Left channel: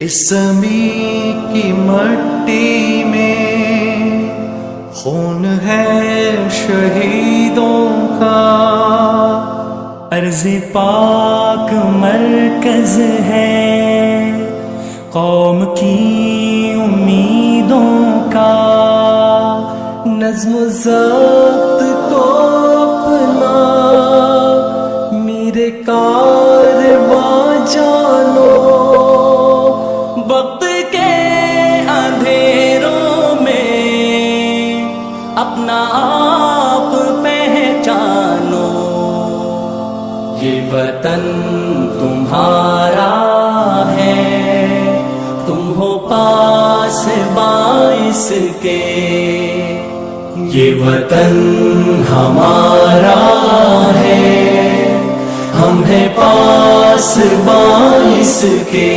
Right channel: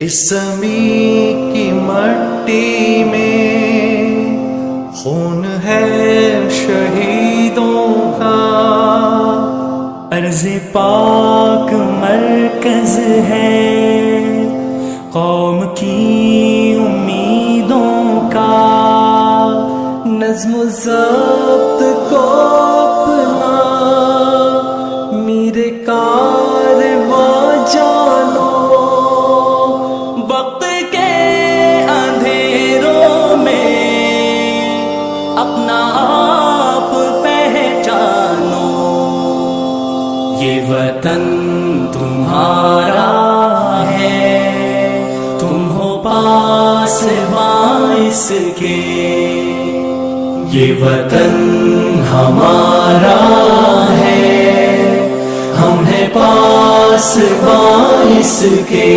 इस ज़मीं की मट्टी में खून है शहीदों का, अर्ज़ पाक मरकज़ है कौम की उम्मीदों का। नज़्म ज़ब्त को अपना मीरे कारवां जानो, वक्त के अंधेरों में अपना आप पहचानो। ये वतन तुम्हारा है, तुम हो पास बाइस के। ये वतन हमारा है, हम हैं पास बाइस के।